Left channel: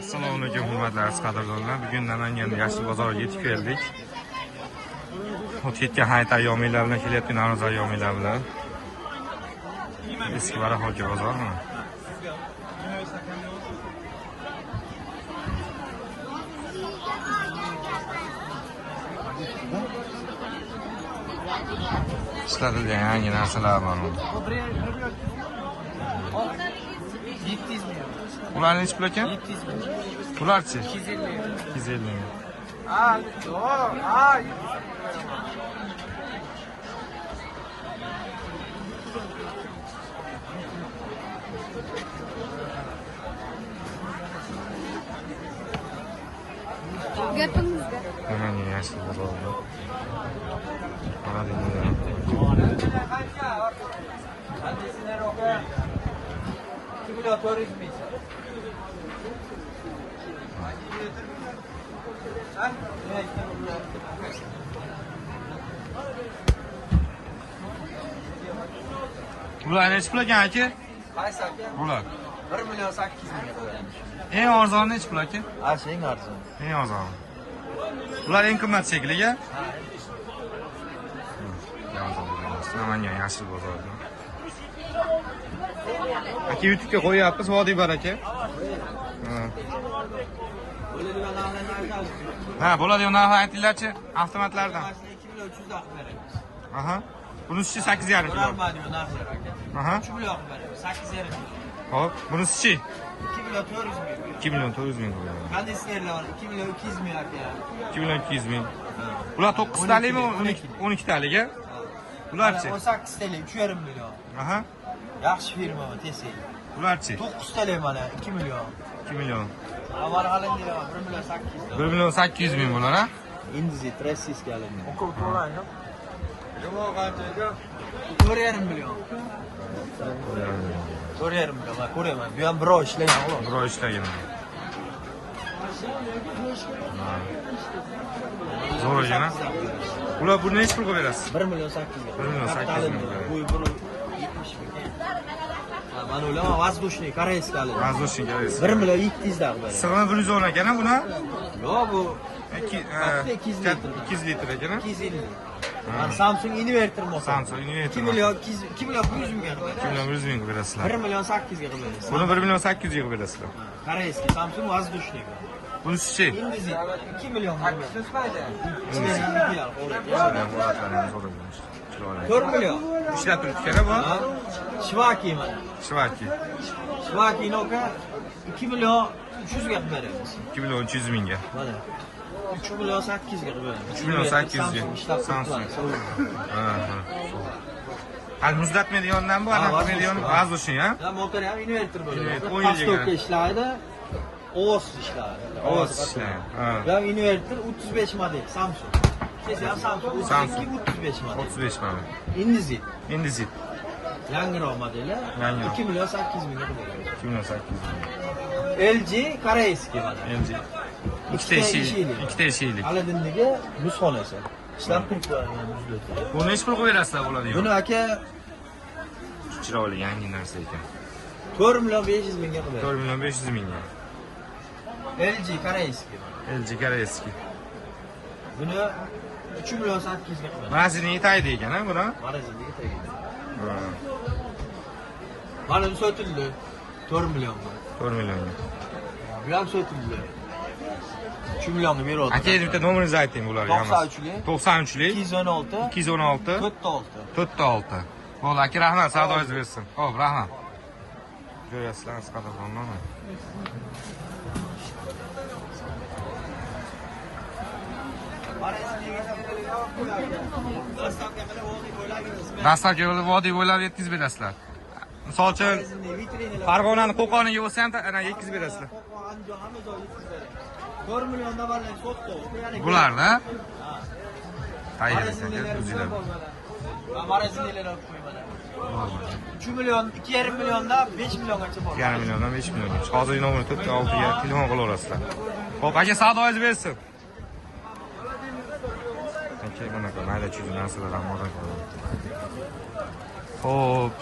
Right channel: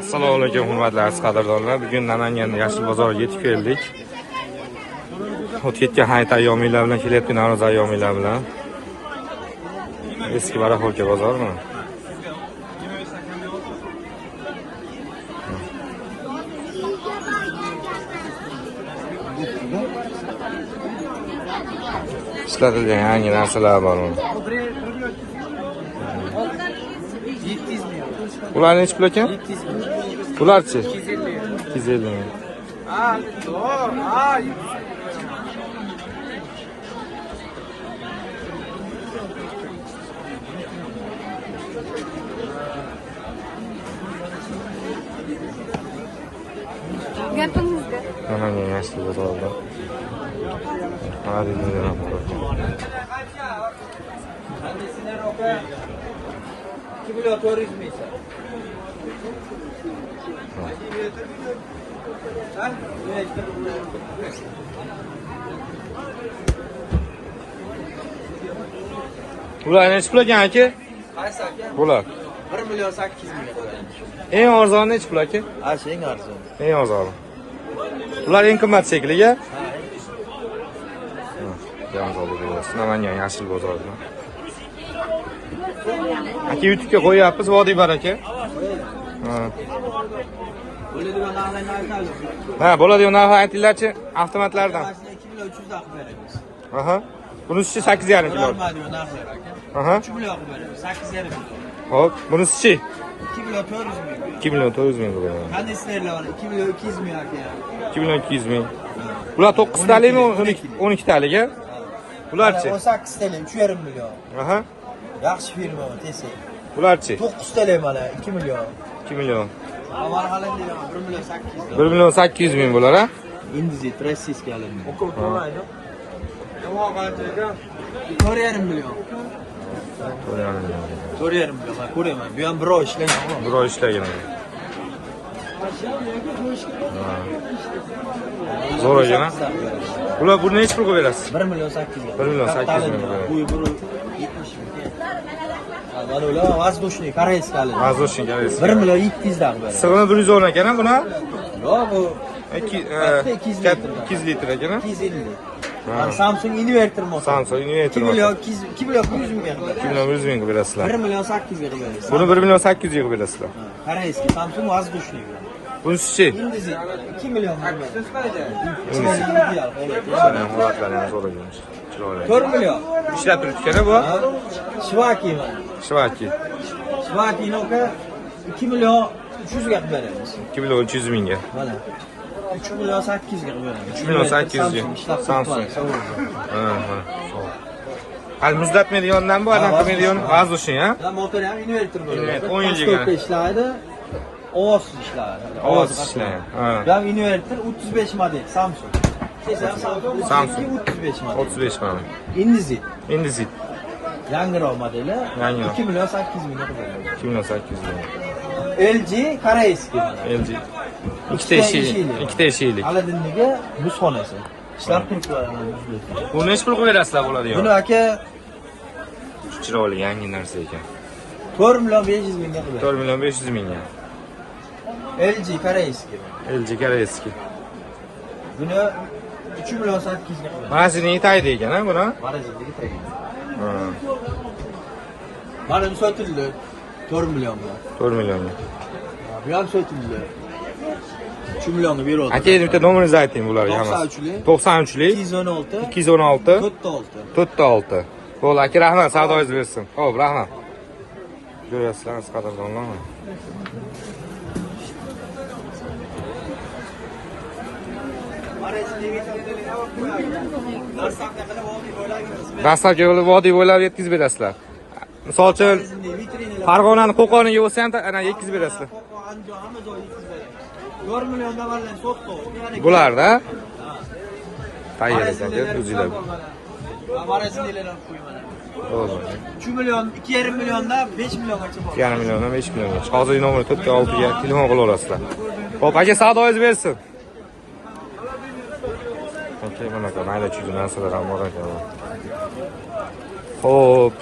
Assalomu alaykum hurmatli aziz qadrdonlar. Bugun Namangan Yashil bozoriga yetib keldik. O'tgan hayit ayyominglar bilan kelayotgan Navro'z ayyominglar bilan. Eski Baraxolka bozormi? Ishlatilgan yangi narsalar bormi? Ular necha pul ekan? 700 ming. Bularchi? 250 ming. 250 ming. Aha, ne yaşlı bu arada. Hadi gidelim. Bular necha pul ekan aka? Bular 1 milyon 800 ming qo'yamiz. eng arzoni necha pul aka? Ha, eng arzon. Eng arzoni. Bular eng qimmat shekilli ya? Namangan Yashil bozorida. Aka YouTube'ga qo'yapmiz, vodiy baraka. Ha, bo'ladigan narxni aytinglarchi, avtomatlardan. 2300 dan beramiz. Aha. Bunisi 8,5 kilo. Aha. 3 million beramiz. 8,5 million. Hop, bunisi 2 million 400 ming. 2 milyon 400 ming bo'ladi. Kondisnerlar var. 2 million 200 ming aka. 2 milyon 200 ming. Bular 9 talikmi, 12 talik ya? Bularchi? 18 talik 3,5 million. Aha. Yaxshi firma bu, tesi. Bularchi? 9 talik mana 2 million. 2 milyon. Avval qalandilar 1 million 800. 1 milyon 800 ming bular ha? Indizit, rossiyskiy alanlar. O'qib 4,5 million. 4,5 million. Ko'raman. Bu ham birov ishlagan. Birov ishlagan. Zo'r ekan ha? Bular buni necha pulga berasiz? 1 million 800 ming. 1 million 800 ming. Bu 70 ming. Mana ular воздушный koreyskiy alanlar. Воздушный koreyskiy. 1 million 700 dan beradi. Sig'ini 110 ekan ha buni? Yo'q, bu 200 litr ekan ha? 250. Samsung inverter motor. Samsung inverter 2 million 2 million 100 ming beradi. 2 milyon 100 mingga berasizlar. 1 million 800 ming beradi. Buni 1 milyon 800 mingga berasizlar. Koreyskiy Samsung воздушный. Bunisi-chi? Indizit 2 million beradi. Mana holatlaringiz zo'r ekan. Chiroyli. 4 million. Ishlab turibdi ekan bu? Shvaki mana. Shvaki. Shvaki noka 2 million 300 ga beramiz. 2 milyon 300 mingga. Mana. 3 million 800 ga beramiz. 3 milyon 800 ga. Samsung. Ha, mana. Hal muzlatmaydigandan bu, anaqimaydigan воздушный ha? Ya motor ham inverter bo'ladi. Inverter 10 yilga. ishlaydi. Ovozsiz ishlaydi. Ovozsiz ishlaydi. Ha. Bu ham inverter 35 model Samsung. Samsung 35 model. 35 mana. Indizit. Indizit. Yangiroq modeli. Yangiroq. 2 million 800 ming beradi. 2 milyon 800 ming. LG koreyskiy mana. LG. Ikkita eshikli. Aladinligi muzxonasi. Ishlab turibdi. Bu necha pulga berasizlar bo'ladigan? Buni aka Chiroyli yangi narsa ekan. 4 million 500 mingga beradi. 4 milyon 500 mingga. LG koreyskiy mana. LG koreyskiy. Buni 3 million 800 ga beradi. Magaziniga taydi ekan ha buni? Magazindagi tagi. Ha. Mana bu sotildi 4 millionga. 4 milyonga. Bu ham sotildi. 3 millionga beradi. Aka, bitta nomeringizni ayting bularga hammasi. 93lik 216 216 46. 46. Bo'ldi aka, rahmat, savdoyingiz bersin. Xo'p, rahmat. Ko'ryapsizlar, qadrdonlar. Dastlabki yo'li vodiy bo'ylab yetkazib berasizlar. Misol uchun Farg'onani Qo'qoniga bo'lsa ham ana yetkazib berasizlar. 4 milliondan varlar sotdi. Bularda tayyor ekan, o'zinglar. Magazинlar qo'yman. Bo'ldi. 3 million, 2,5 milliondan 5 milliongacha bor. 2,5 milliondan 5 milliongacha. Hozir nomeri 46 ga telefon qila olasizlar. Xo'p, aka, savdoyingiz bersin. Aka, mana mayda-chuyda narsalar ham bor ekan. Xo'p.